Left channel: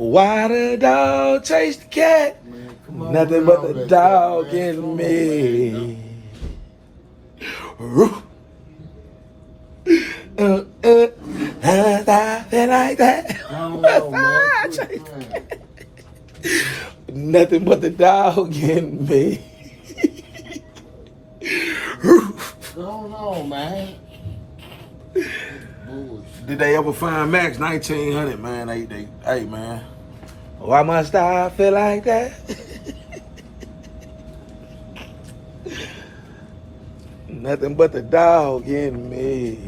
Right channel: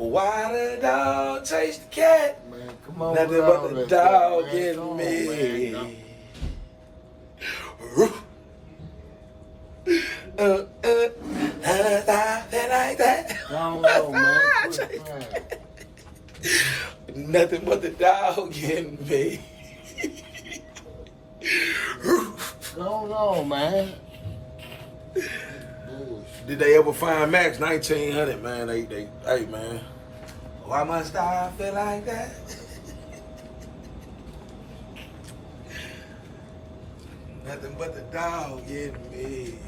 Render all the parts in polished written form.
Why the dog chase the cat? Man, come on. Nothing but the dog in me. I feel like that. No, man. Quit playing. Nothing but the dog in me. Go on, man. Did they ever find Max 1900, man? Hey, man. Why must I feel like that? Nothing but the dog in me.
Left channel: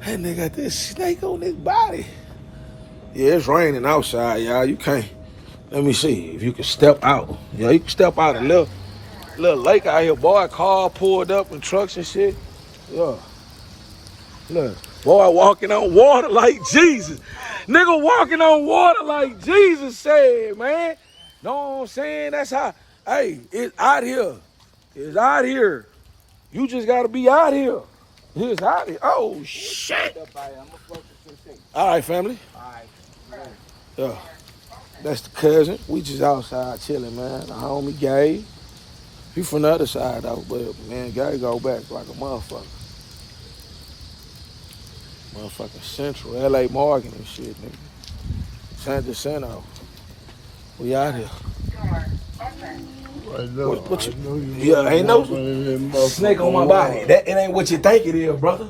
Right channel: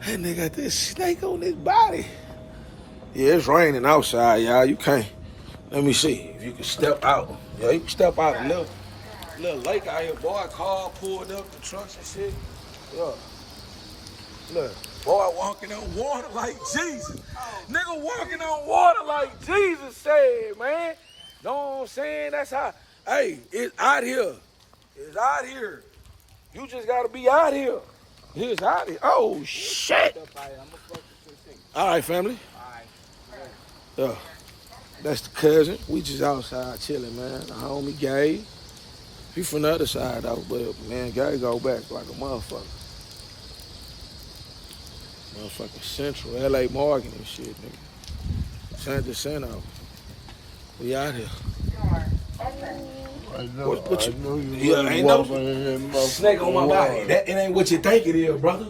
That nigga got this snake on his body. Yeah, it's raining outside, y'all. You can't. Let me see if you can step out. Yeah, you can step out a little lake out here. Boy, car pulled up and trucks and shit. Yeah. Look, boy walking on water like Jesus. Nigga walking on water like Jesus said, man. Know what I'm saying? That's how, hey, it's out here. It's out here. You just gotta be out here. It's out here. Oh, shit. All right, family. Yeah. That's the cousin. We just outside chilling, man. The homie Gay. He from the other side though, but man, Gay go back like a motherfucker. Motherfucking Central, LA Morgan and shit, nigga. San Jacinto. We out here. I know. What I you, know you yeah, ain't no snake on my body. water. It ain't what you think it is, brother.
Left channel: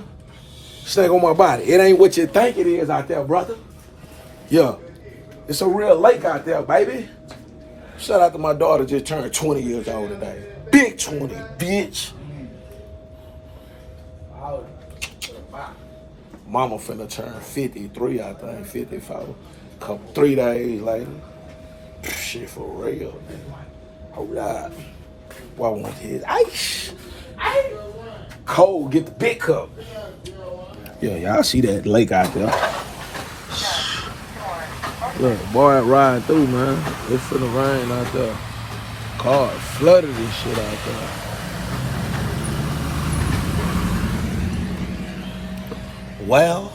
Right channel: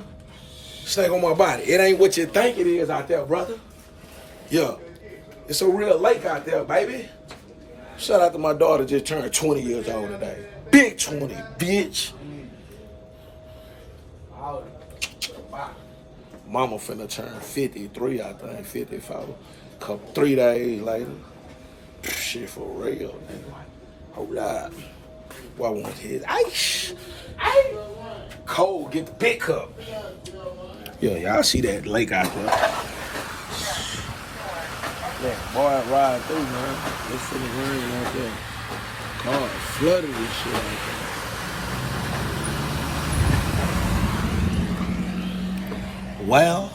Snake on my body. It ain't what you think it is out there, brother. Yeah. It's a real lake out there, baby. Shout out to my daughter, just turned 20 years old today. Big 20, bitch. Mama finna turn 53, I think, 54. 3 days later. Shit for real, nigga. Hold up. Why want his ice? Ice. Cold, get the big cup. Yeah, y'all see that lake out there. Yeah, boy, riding through, man. It's finna rain out there. Cars flooded and shit out there. Well,